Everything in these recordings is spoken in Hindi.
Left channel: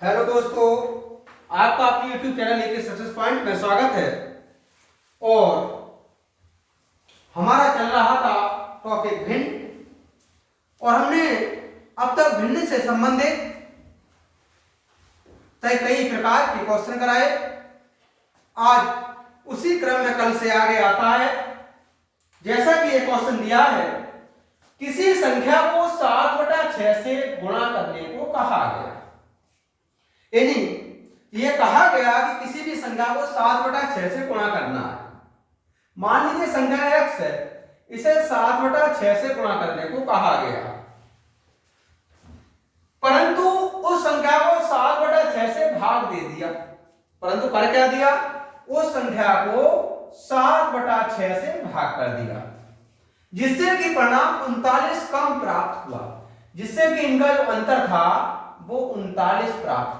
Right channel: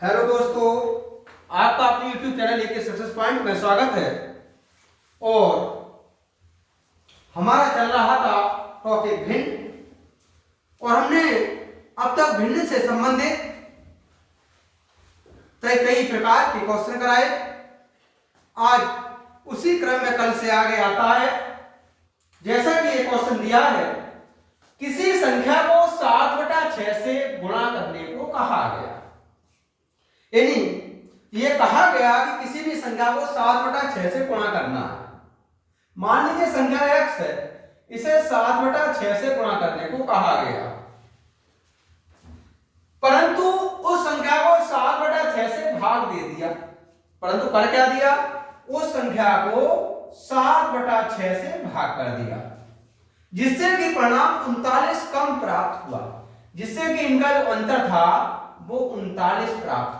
हेलो दोस्तों, आपका अपने YouTube चैनल लेके सक्सेस पॉइंट में स्वागत है। और हमारा चल रहा था टॉपिक भिन्न, और हमने अब तक भिन्न से संबंधित कई प्रकार के क्वेश्चन कराए। आज उसी क्रम में कल से आगे आता है। जैसा कि एक क्वेश्चन दिया है, किसी संख्या को 7/6 से गुणा करने को कहा गया। यानी ये कहा गया कि किसी भी संख्या को 7/6 से गुणा करना है। मान लीजिए संख्या x है, इसे 7/6 से गुणा करने को कहा गया, परंतु उस संख्या को 7/6 से भाग दे दिया। परंतु कर क्या दिया? उस संख्या को 7/6 से भाग कर दिया, जिससे कि परिणाम 39 कम प्राप्त हुआ। जिससे कि इनका जो अंतर था वो 39 प्राप्त हुआ।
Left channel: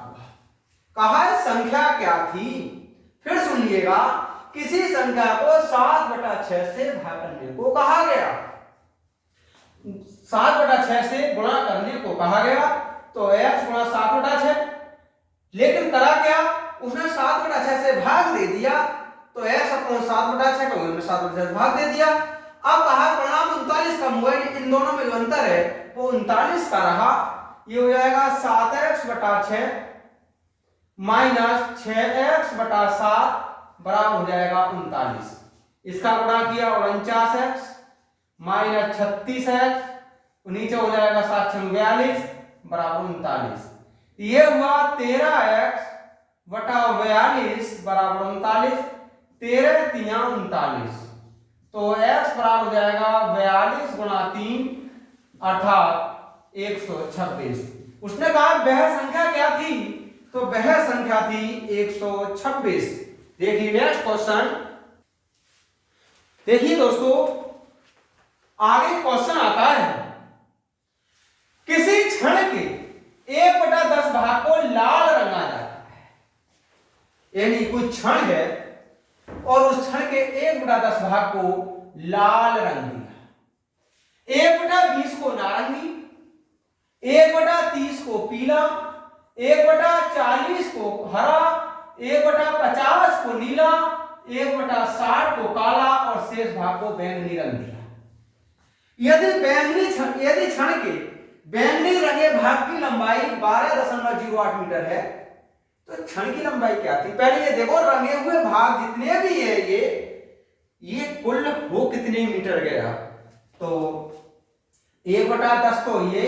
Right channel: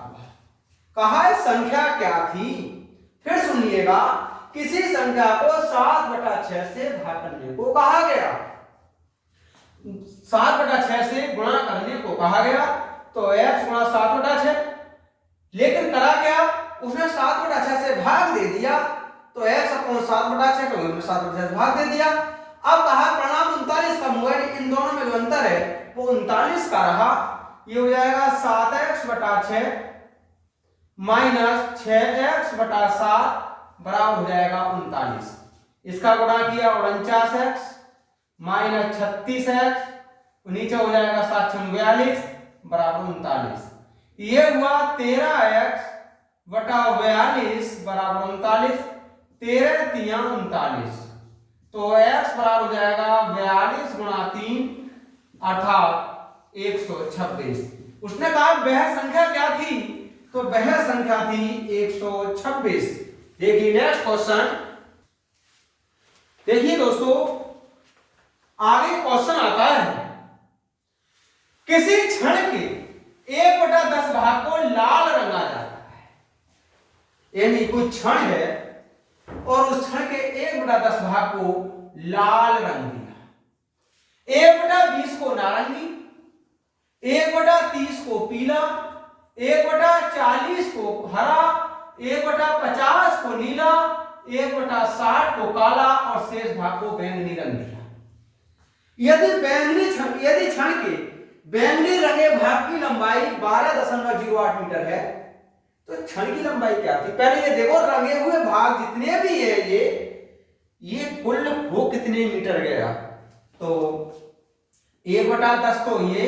कहा है संख्या क्या थी? फिर सुनिएगा, किसी संख्या को 7/6 से भाग करने को कहा गया, 7/6 से गुणा करने को कहा गया, तो x गुणा 7/6। लेकिन करा क्या? उसने 7/6 से भाग दे दिया, तो x अपॉन 7/6 को हमने 7/6 से भाग दे दिया। अब कहा परिणाम 39 का हुआ, इन दोनों में जो अंतर है वो 39 का रहा। ये हो जाएगा 7x/6 माइनस 6x/7 बराबर हो जाएगा 39। इसका गुणा किया 49x माइनस 36x, नीचे हो जाएगा 7×42 बराबर 39। ये हुआ 13x/42 बराबर 39। 13×3 39, तो x बराबर हो जाएगा 42 गुणा 3 अर्थात 126। उसने कहा वह संख्या क्या थी? तो वह संख्या थी 126। देखिए नेक्स्ट क्वेश्चन। देखिए दोस्तों, आगे क्वेश्चन आता है, किसी क्षण के 1/10 भाग को लाल रंगा जाता है। यानी कोई क्षण है और उस क्षण के 1/10 भाग को लाल रंग दिया, 1/20 को नारंगी, 1/30 को पीला, 1/40 को हरा, 1/50 को नीला, 1/60 को काला और शेष भाग को बैंगनी रंग दिया। यदि क्षण के बैंगनी रंगे भाग की लंबाई 12.08 मीटर है, तो क्षण की लंबाई क्या थी? पहले ये देखो, रंगे हुए भाग जितने भी है ये कुल वो कितने मीटर गया? तो 1/10 तो ये,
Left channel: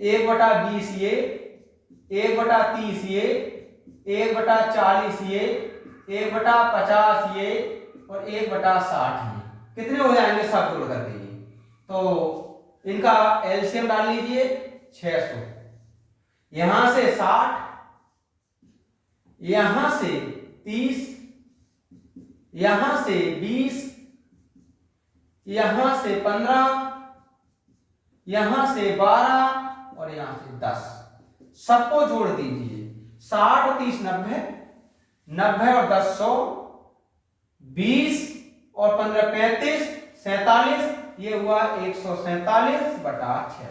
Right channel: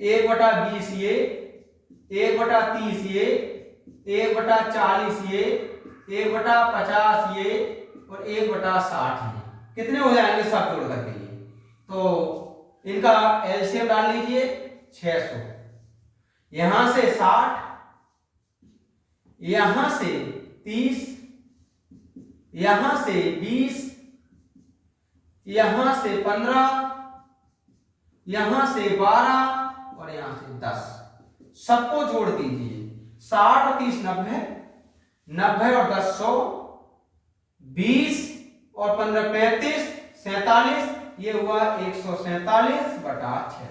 1/20 ये, 1/30 ये, 1/40 ये, 1/50 ये और 1/60 ये। कितने हो जाएंगे सब जोड़ करके? ये तो इनका एलसीएम डाल लीजिए 600। यहां से 60, यहां से 30, यहां से 20, यहां से 15, यहां से 12 और यहां से 10। सबको जोड़ दीजिए। 60 और 30 90, 90 और 10 100, 20 और 15 35, 47, ये हुआ 147/600।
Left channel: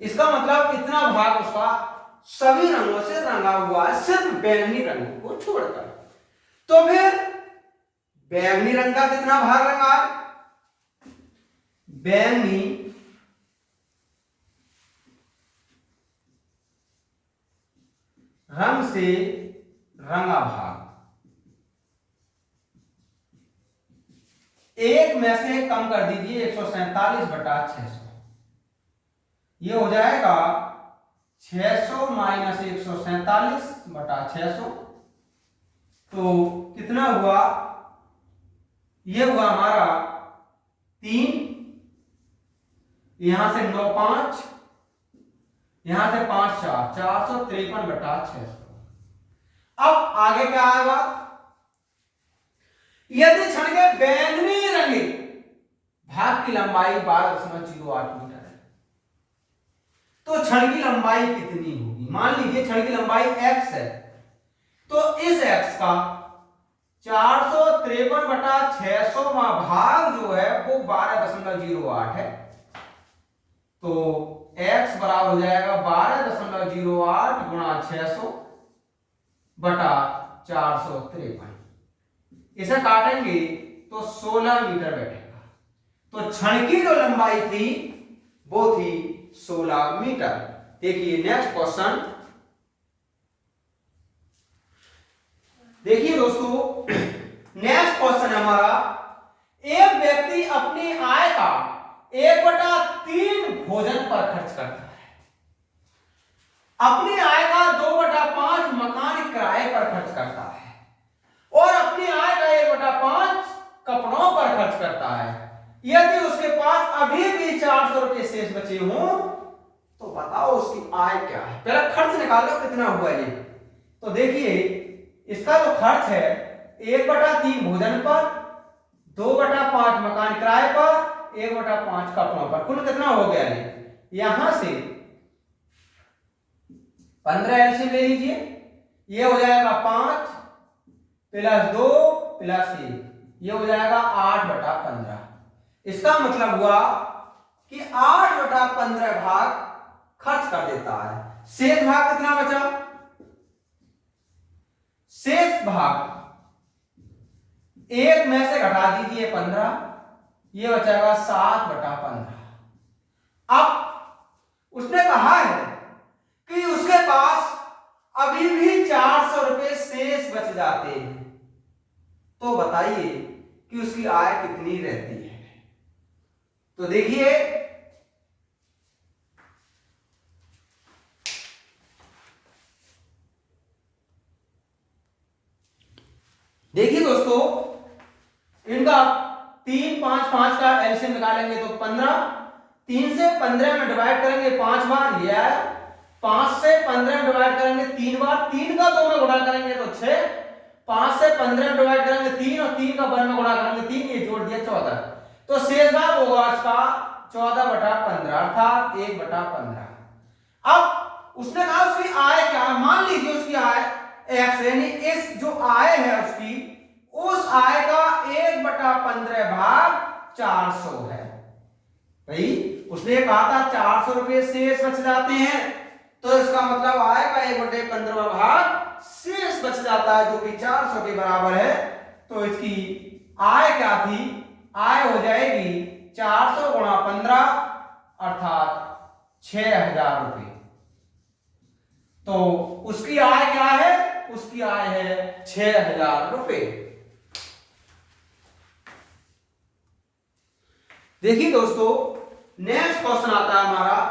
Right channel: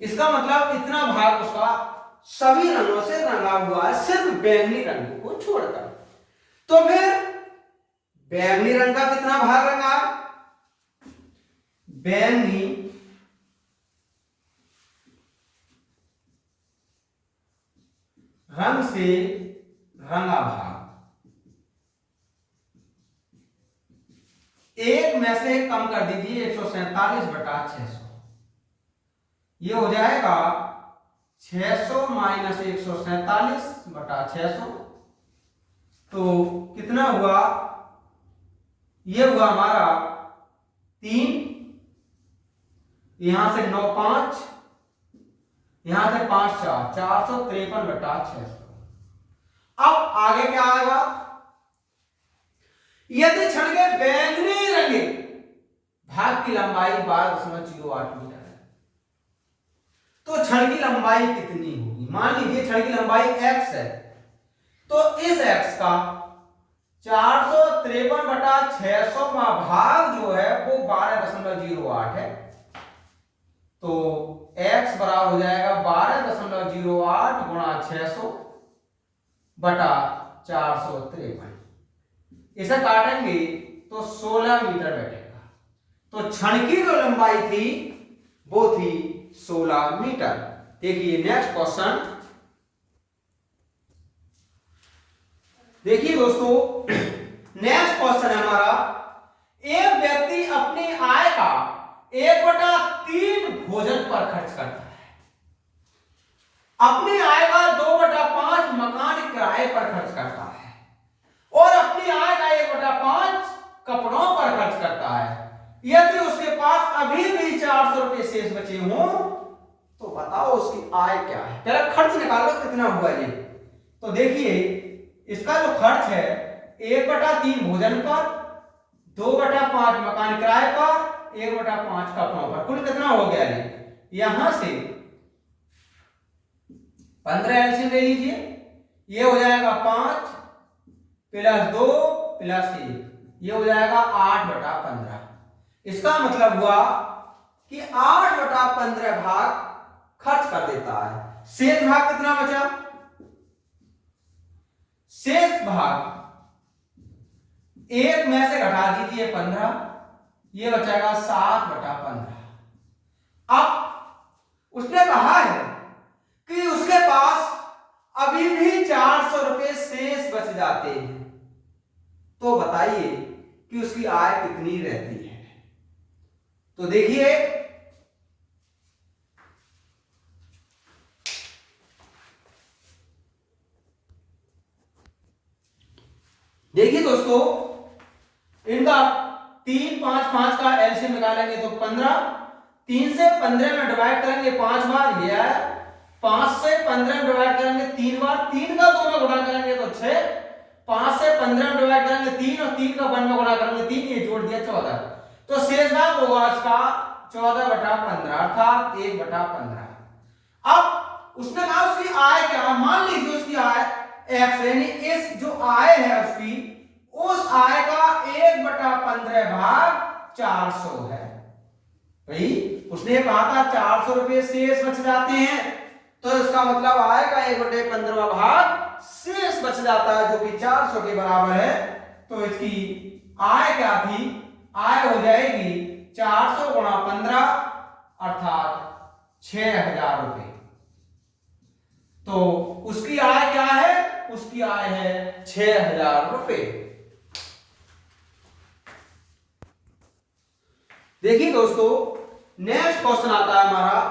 इसका मतलब इतना भाग उसका सभी रंगों से रंगा हुआ है, सिर्फ बैंगनी रंग को छोड़कर। तो फिर बैंगनी रंग का कितना भाग रंगा? बैंगनी रंग से रंगा भाग एक में से कम कर दीजिए, 147/600। ये हो जाएगा 600 माइनस 147/600। तो कितना हुआ? ये हुआ हमारा 3, यहां से 9 5, यहां से 5 4, 453/600। अब आगे क्या आएगा? यदि क्षण के बैंगनी रंगे भाग की लंबाई 12.08 मीटर है, तो क्षण की लंबाई कितनी होगी? मान लीजिए क्षण की लंबाई x है, तो इस x का 453/600 भाग जो है वो 12.08 है। तो x बराबर हो जाएगा 12.08 गुणा 600 बटा 453। इसे काटेंगे तो 16 मीटर बैठेगा। तो क्षण की जो लंबाई थी वो थी 16 मीटर। देखिए नेक्स्ट क्वेश्चन। देखिए दोस्तों, नेक्स्ट क्वेश्चन है हमारा, एक व्यक्ति अपनी आय का 1/3 भोजन पर खर्च करता है, अपनी आय का 2/5 मकान किराए पर खर्च करता है और अपनी आय का 1/5 कपड़ों पर खर्च करता है। यदि उसके पास अभी भी 400 रुपए शेष बचे हों तो बताओ उसकी आय क्या है। पहले खर्च निकालो कितना हुआ ये। तो देखिए इसका जो खर्च है 1/3 भोजन पर, 2/5 मकान किराए पर, 1/5 कपड़ों पर, कुल कितना हो गया ये। यहां से 15 एलसीएम ले लीजिए, ये हो जाएगा 5 + 2 + 1, ये हो जाएगा 8/15। इसका मतलब हुआ कि 8/15 भाग खर्च कर देता है। शेष भाग कितना बचा, शेष भाग 1 में से घटा दीजिए 15, ये बचेगा 7/15। अब उसने कहा है कि उसके पास अभी भी 400 रुपए शेष बच जाते हैं, तो बताइए कि उसकी आय कितनी रहती है। तो देखिए दोस्तों, इनका 3 5 5 का एलसीएम निकालेंगे तो 15, 3 से 15 में डिवाइड करेंगे 5 बार, ये आया। 5 से 15 में डिवाइड करेंगे 3 बार, 3 का 2 में गुणा करेंगे तो 6, 5 से 15 में डिवाइड करेंगे 3 और 3 का 1 में गुणा करेंगे 3, ये जोड़ दिया 14। तो शेष भाग होगा इसका 14/15 अर्थात 1/15। अब उसने कहा उसकी आय क्या, मान लीजिए उसकी आय x, यानी इस जो आय है उसकी, उस आय का 1/15 भाग 400 है। भाई उसने कहा था 400 रुपए शेष बच जाते हैं, तो इसका मतलब आय का 1/15 भाग शेष बच जाता है, जो कि 400 के बराबर है। तो इसकी आय क्या थी, आय हो जाएगी 400 × 15 अर्थात 6000 रुपए। तो उसकी आय क्या है, उसकी आय है 6000 रुपए। देखिए दोस्तों, नेक्स्ट क्वेश्चन आता है हमारा,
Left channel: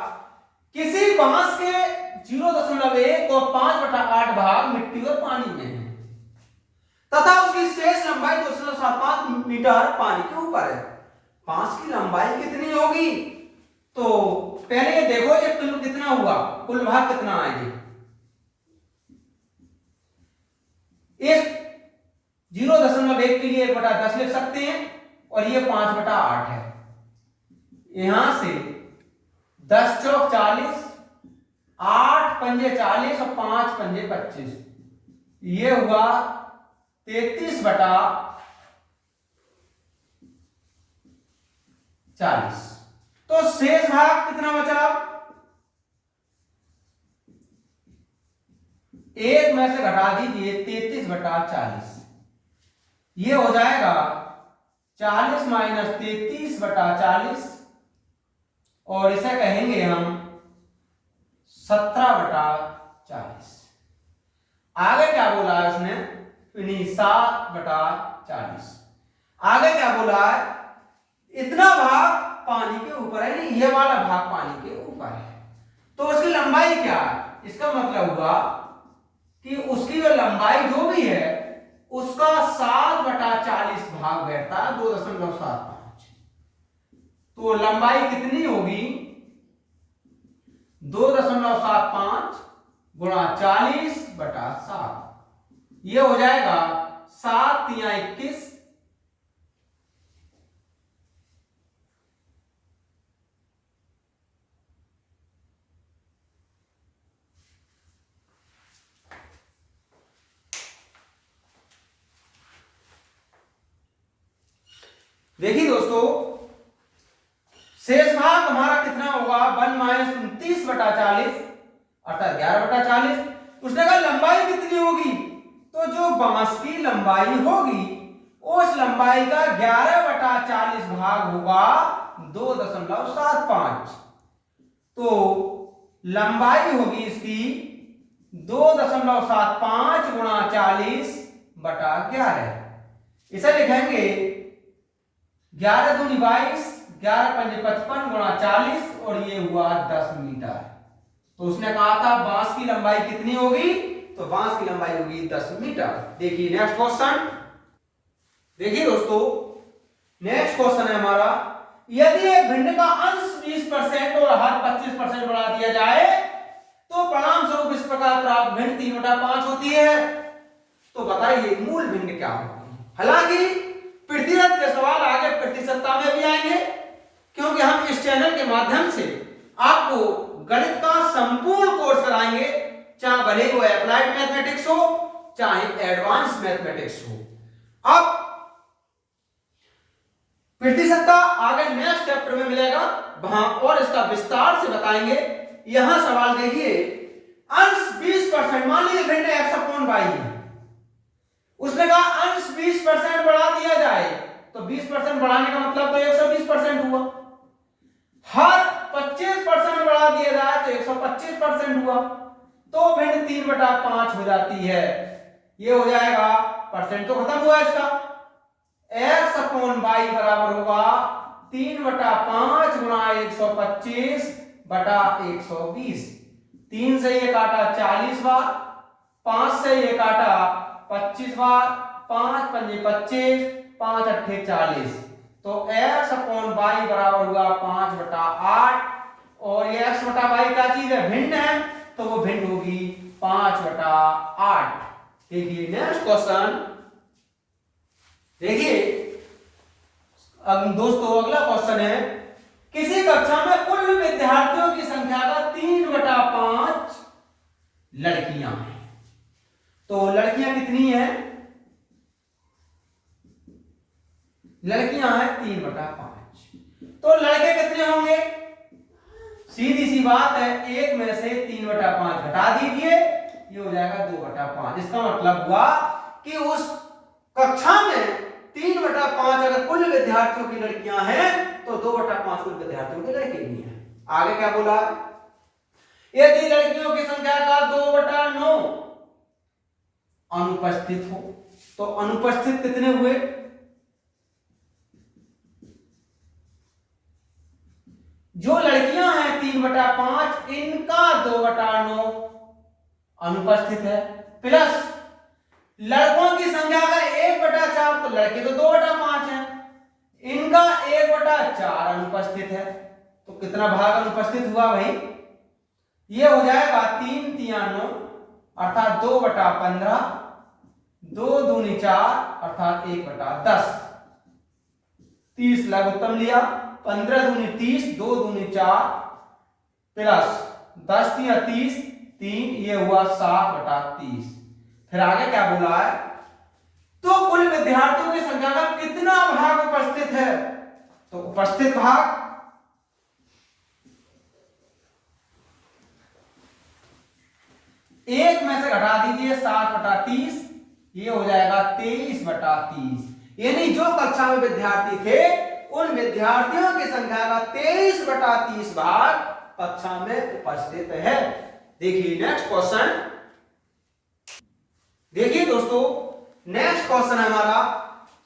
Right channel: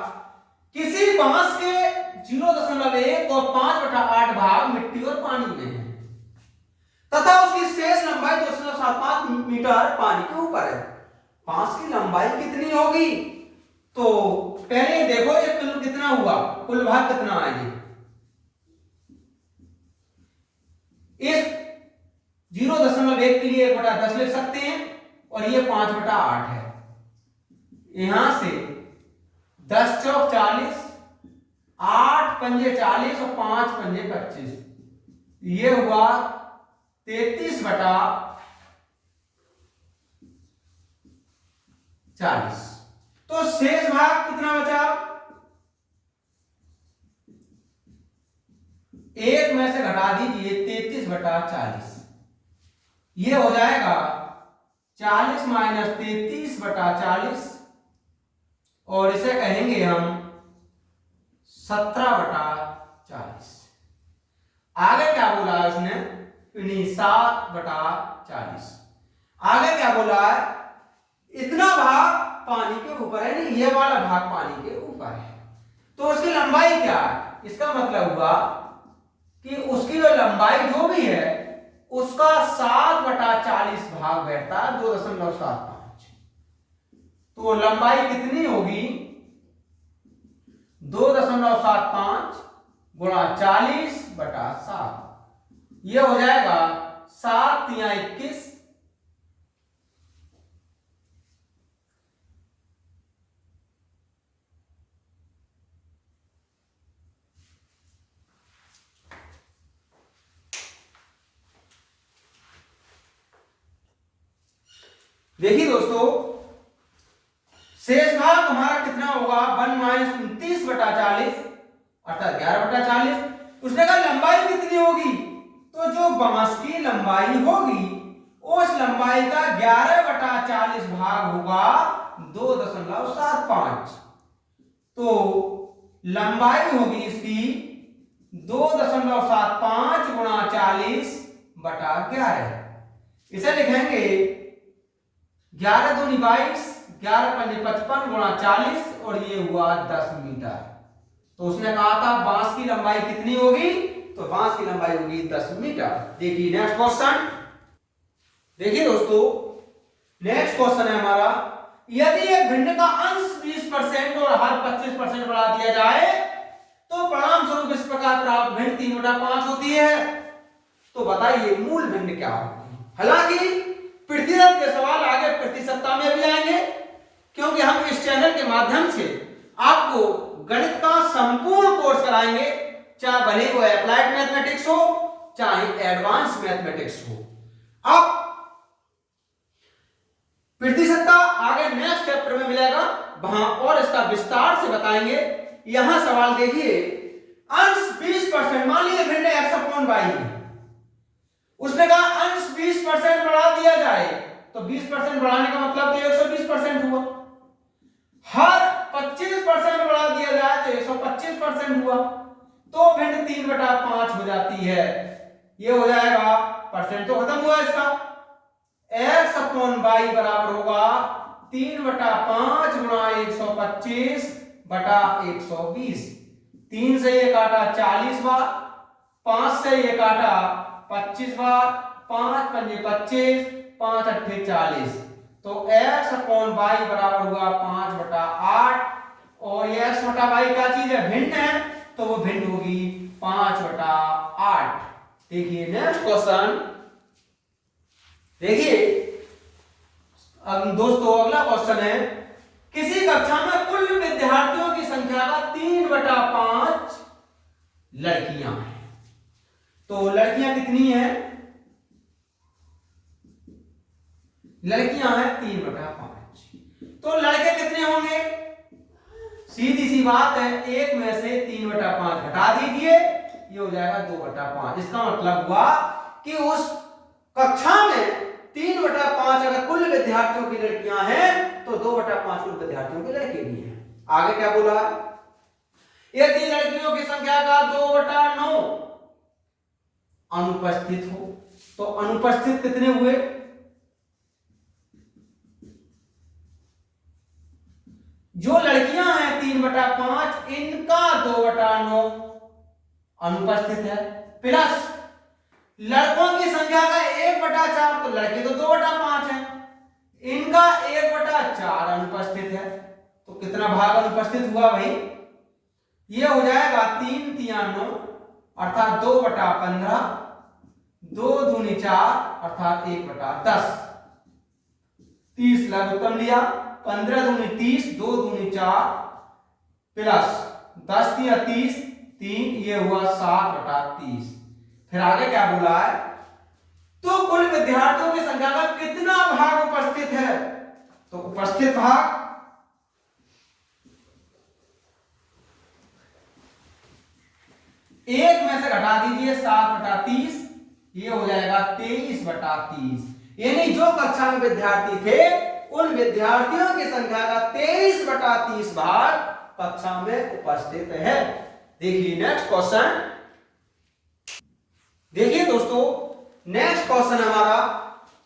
किसी बांस के 0.1 और 5/8 भाग मिट्टी और पानी में है तथा उसकी शेष लंबाई 275 मीटर पानी के ऊपर है। बांस की लंबाई कितनी होगी। तो पहले ये देखो ये कुल कितना हुआ, कुल भाग कितना आएगी। इस 0.1 के लिए 1/10 लिख सकते हैं और ये 5/8 है। यहां से 10 चौक 40, 8 पंजे 40 और 5 पंजे 25, ये हुआ 33/40। तो शेष भाग कितना बचा, 1 में से घटा दीजिए 33/40, ये हो जाएगा 40 - 33/40 और इसे कहेंगे हम 17/40। आगे क्या बोला है उसने, 7/40। आगे क्या बोला है, इतना भाग पानी के ऊपर है, नहीं ये वाला भाग पानी के ऊपर है, तो उसकी लंबाई क्या है। इसका मतलब हुआ कि उसकी जो लंबाई जो भी है उसका 7/40 भाग बैठता है 2.75। तो लंबाई कितनी होगी, 2.75 गुणा 40/7, ये हो जाएगा 7 × 21। देखिए दोस्तों, शेष भाग हमारा कितना होगा, 1 - 29/40 अर्थात 11/40। उसने कहा लंबाई कितनी होगी, तो जो बांस की लंबाई होगी उस लंबाई का 11/40 भाग होगा 2.75। तो लंबाई होगी इसकी 2.75 गुणा 40/11। इसे लिखेंगे 11 दूनी 22, 11 पंजे 55 गुणा 40 और ये हुआ 10 मीटर। तो उसने कहा था बांस की लंबाई कितनी होगी, तो बांस की लंबाई होगी 10 मीटर। देखिए नेक्स्ट क्वेश्चन। देखिए दोस्तों नेक्स्ट क्वेश्चन है हमारा, यदि एक भिंड का अंश 20% और आहार 25% बढ़ा दिया जाए तो परिणाम स्वरूप इस प्रकार प्राप्त भिंड 3/5 होती है। तो बताइए मूल भिंड क्या होगी। हालांकि प्रतिशत के सवाल आगे प्रतिशतता में भी आएंगे, क्योंकि हम इस चैनल के माध्यम से आपको गणित का संपूर्ण कोर्स कराएंगे, चाहे भले वो अप्लाइड मैथमेटिक्स हो चाहे एडवांस मैथमेटिक्स हो। अब प्रतिशतता आगे नेक्स्ट चैप्टर में मिलेगा, वहां और इसका विस्तार से बताएंगे। यहां सवाल देखिए, अंश 20%, मान लीजिए भिंड x/y है, उसने कहा अंश 20% बढ़ा दिया जाए, तो 20% बढ़ाने का मतलब तो 120% हुआ। हर 25% बढ़ा दिया जाए तो 125% हुआ। तो भिंड 3/5 हो जाती है। ये हो जाएगा, परसेंट तो खत्म हुआ इसका, x/y बराबर होगा 3/5 गुणा 125/120। 3 से ये काटा 40 बार, 5 से ये काटा 25 बार, 5 पंजे 25, 5 अट्ठे 40। तो x/y बराबर हुआ 5/8। और ये x/y क्या चीज है, भिन्न है, तो वो भिन्न होगी 5/8। देखिए नेक्स्ट क्वेश्चन। देखिए दोस्तों अगला क्वेश्चन है, किसी कक्षा में कुल विद्यार्थियों की संख्या का 3/5 लड़कियां हैं। तो लड़कियां कितनी हैं, लड़कियां हैं 3/5। तो लड़के कितने होंगे, सीधी सी बात है, एक में से 3/5 घटा दीजिए, ये हो जाएगा 2/5। इसका मतलब हुआ कि उस कक्षा में 3/5 अगर कुल विद्यार्थियों की लड़कियां हैं तो 2/5 कुल विद्यार्थियों के लड़के भी हैं। आगे क्या बोला, यदि लड़कियों की संख्या का 2/9 अनुपस्थित हो, तो अनुपस्थित कितने हुए, जो लड़कियां हैं 3/5 इनका 2/9 अनुपस्थित है, प्लस लड़कों की संख्या का 1/4, तो लड़के तो 2/5 है, इनका 1/4 अनुपस्थित है। तो कितना भाग अनुपस्थित हुआ भाई, ये हो जाएगा 3 तिया 9 अर्थात 2/15, 2 दूनी 4 अर्थात 1/10। 30 लघुत्तम लिया, 15 दूनी 30, 2 दूनी 4 प्लस 10 तिया 30, 3, ये हुआ 7/30। फिर आगे क्या बोला है, तो कुल विद्यार्थियों की संख्या का कितना भाग उपस्थित है, तो उपस्थित भाग एक में से घटा दीजिए 7/30, ये हो जाएगा 23/30। यानी जो कक्षा में विद्यार्थी थे उन विद्यार्थियों की संख्या का 23/30 भाग कक्षा में उपस्थित है। देखिए नेक्स्ट क्वेश्चन। देखिए दोस्तों नेक्स्ट क्वेश्चन है हमारा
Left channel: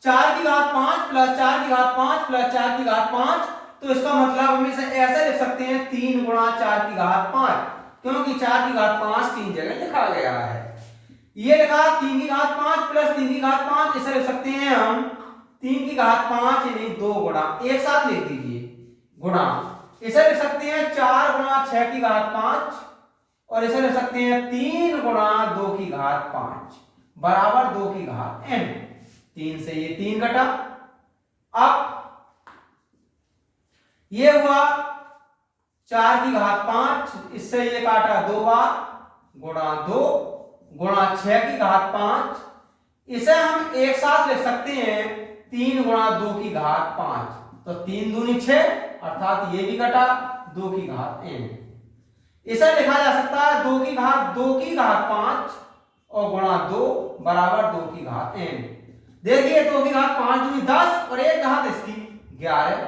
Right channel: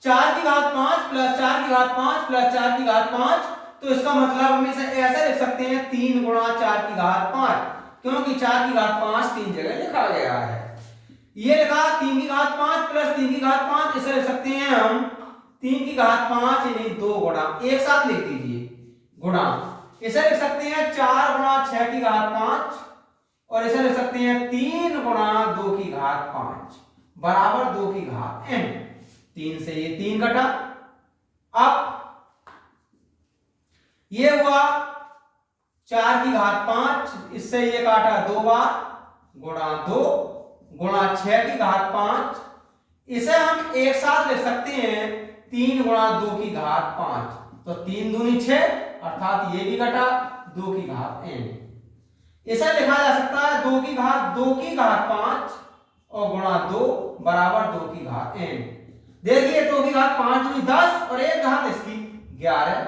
4⁵ प्लस 4⁵ प्लस 4⁵, तो इसका मतलब हम इसे ऐसे लिख सकते हैं 3 गुणा 4⁵, क्योंकि 4⁵ 3 जगह लिखा गया है। ये लिखा 3⁵5 प्लस 3⁵5, इसे लिख सकते हैं हम 3⁵5 यानी 2 गुणा, एक साथ लिख दीजिए गुणा, इसे लिख सकते हैं 4 गुणा 6⁵5 और इसे लिख सकते हैं 3 गुणा 2⁵5 बराबर 2⁵n। 3 से ये 3 कटा, अब ये हुआ 4⁵5, इससे ये काटा 2 बार गुणा 2 गुणा 6⁵5, इसे हम एक साथ लिख सकते हैं 3 गुणा 2⁵5, तो 3 दूनी 6 अर्थात ये भी कटा 2⁵n। इसे लिखा जा सकता है 2 की घात 5 और गुणा 2 बराबर 2 की घात n। देखिए 2 की घात 5 दूनी 10 और 1 घात इसकी 11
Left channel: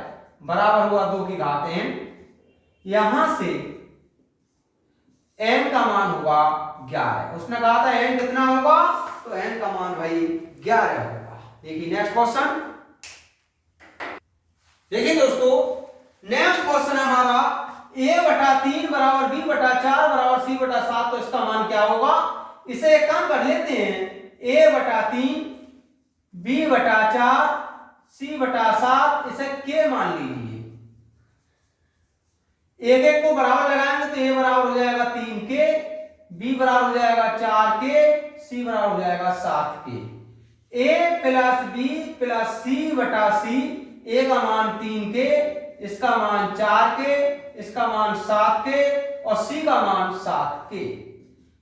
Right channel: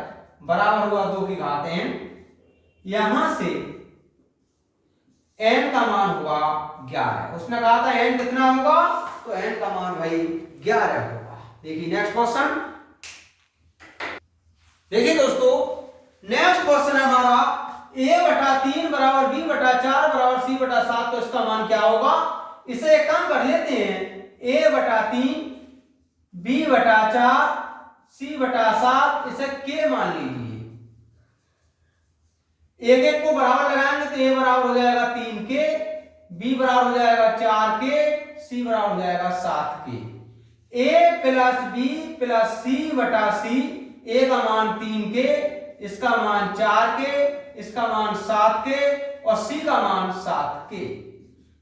बराबर हुआ 2 की घात n। यहां से n का मान हुआ 11। उसने कहा था n कितना होगा, तो n का मान भाई 11 होगा। देखिए नेक्स्ट क्वेश्चन, देखिए दोस्तों नेक्स्ट क्वेश्चन है हमारा a/3 बराबर b/4 बराबर c/7। तो इसका मान क्या होगा, इसे एक काम कर लेते हैं, a/3 b/4 c/7 इसे k मान लीजिए। एक एक को बराबर लगाएंगे तो a बराबर हो जाएगा 3k, b बराबर हो जाएगा 4k, c बराबर हो जाएगा 7k। a plus b plus c/c, a का मान 3k, इसका मान 4k, इसका मान 7k और c का मान 7k।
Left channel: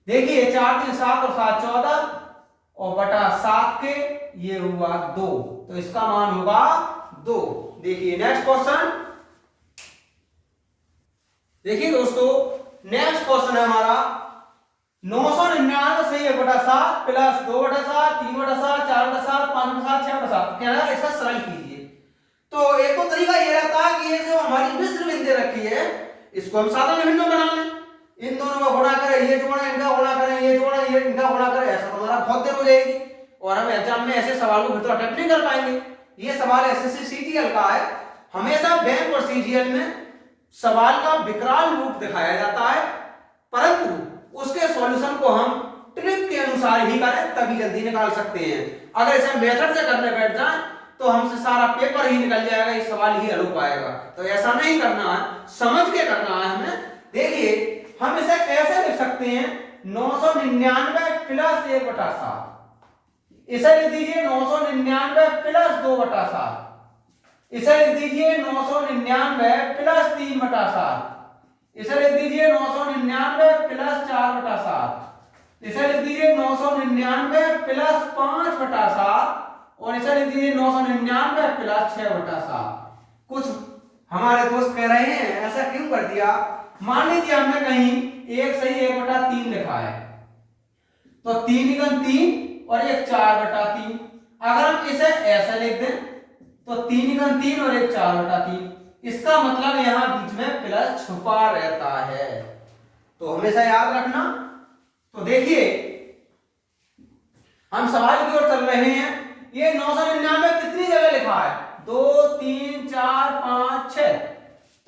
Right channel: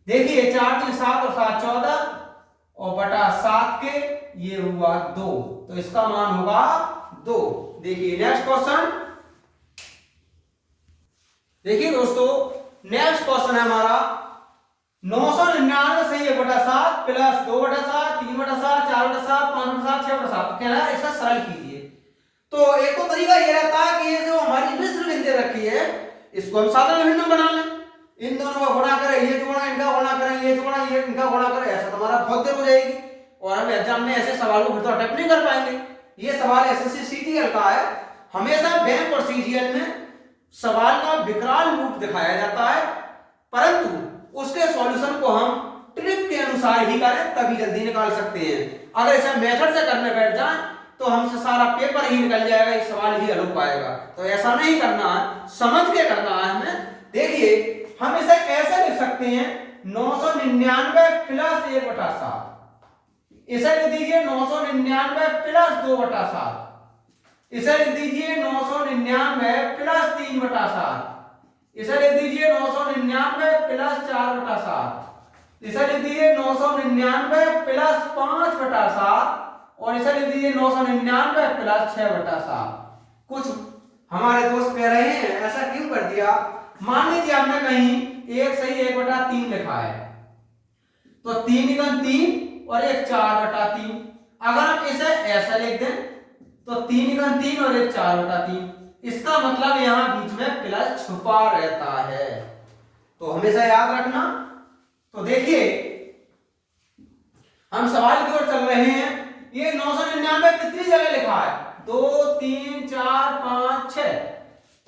देखिए 4 3 7 और 7 14 और बटा 7k, ये हुआ 2, तो इसका मान होगा 2। देखिए नेक्स्ट क्वेश्चन, देखिए दोस्तों नेक्स्ट क्वेश्चन है हमारा 999 से 1/7 प्लस 2/7 3/7 4/7 5/7 6/7। कहना है इसका सरल कीजिए। तो एक तो तरीका ये रहता है कि ये जो हमारी मिश्र बिंदु रखी है इसको हम साधारण भिन्न में बना लें, इन दोनों का गुणा करें, ये जोड़ा इनका गुणा करें, ये जोड़ा ये इनका गुणा करें, ऐसा तो हमारा बहुत देर हो जाएगी और हम एग्जाम में ऐसे सवालों को तो अटेम्प्ट नहीं कर पाएंगे। ये सवाल एसएससी सीजीएल का है। हमेशा बैंक और सीजीएल में सवाल का विकराल रूप दिखाया जाता है, परंतु उसके सॉल्यूशन को हम ट्रिक के अनुसार ही करें तभी जल्दी निकाल सकते हैं। अगर इसे मेथड से करने बैठ जाए तो हमसे सारा पेपर ही निकल जाएगा, ये सवाल ही हल हो पाएगा। तो ऐसा नहीं करना है, समझ के करना है हमें। देखिए हम इसे ऐसे लिख सकते हैं 999 प्लस 1/7, इसे लिख दीजिए 999 प्लस 2/7, इसे लिख दीजिए 999 प्लस 3/7, इसे लिख दीजिए 999 प्लस 4/7, इसे लिख दीजिए 999 प्लस 5/7 और इसे लिख दीजिए 999 प्लस 6/7। कुछ हमारे दोस्त कह रहे हैं ऐसा क्यों कर दिया, मान लीजिए हमने कहीं 1 सही 1/3 लिखा है तो 3 × 3 और 1 4/3। अगर हम इसे ऐसा लिख दें तो 3 × 3 और 1 4/3, इसका मतलब यहां बीच में प्लस छुपा रहता है, तो हमेशा याद रखना। तो देखिए हम सवाल की ओर चल रहे हैं। ये 999 कितनी जगह लिखा है, 2 3 4 5 6,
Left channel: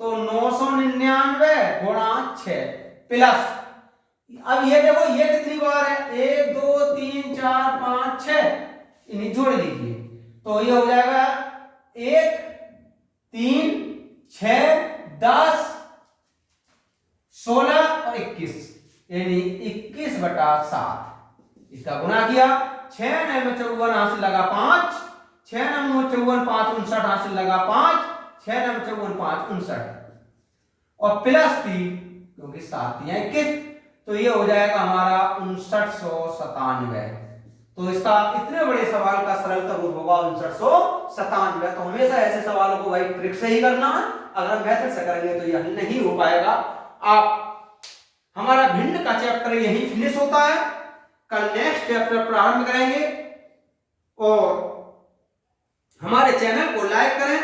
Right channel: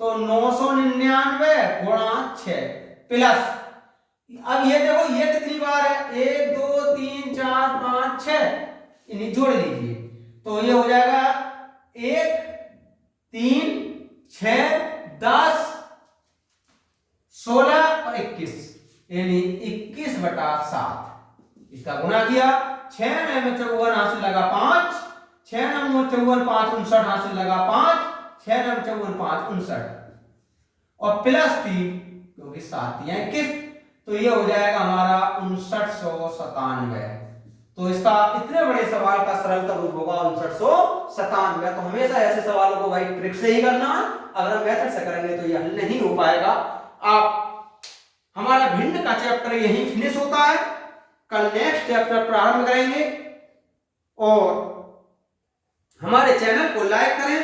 तो 999 गुणा 6 प्लस, अब ये देखो ये कितनी बार है, 1 2 3 4 5 6, इन्हें जोड़ लीजिए तो ये हो जाएगा 1 3 6 10 16 और 21, यानी 21/7। इसका गुणा किया, 6 9 54 हासिल लगा 5, 6 9 54 5 59 हासिल लगा 5, 6 9 54 5 59 और प्लस 3 क्योंकि 7 या 21, तो ये हो जाएगा हमारा 5997। तो इसका इतने बड़े सवाल का सरल रूप होगा 5997। तो हमेशा ऐसे सवालों को भाई ट्रिक से ही करना है, अगर मेथड से करेंगे तो यह नहीं हो पाएगा। आप हमारा भिन्न का चैप्टर यही फिनिश होता है, कल नेक्स्ट चैप्टर प्रारंभ करेंगे। और हमारे चैनल को लाइक करें,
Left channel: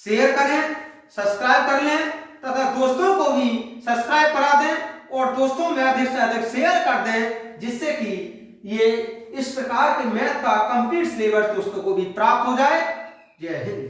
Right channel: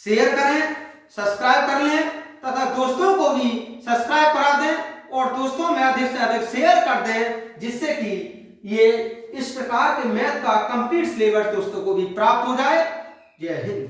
शेयर करें, सब्सक्राइब कर लें तथा दोस्तों को भी सब्सक्राइब करा दें और दोस्तों में अधिक से अधिक शेयर कर दें, जिससे कि ये इस प्रकार के मैथ का कंप्लीट सिलेबस दोस्तों को भी प्राप्त हो जाए। जय हिंद।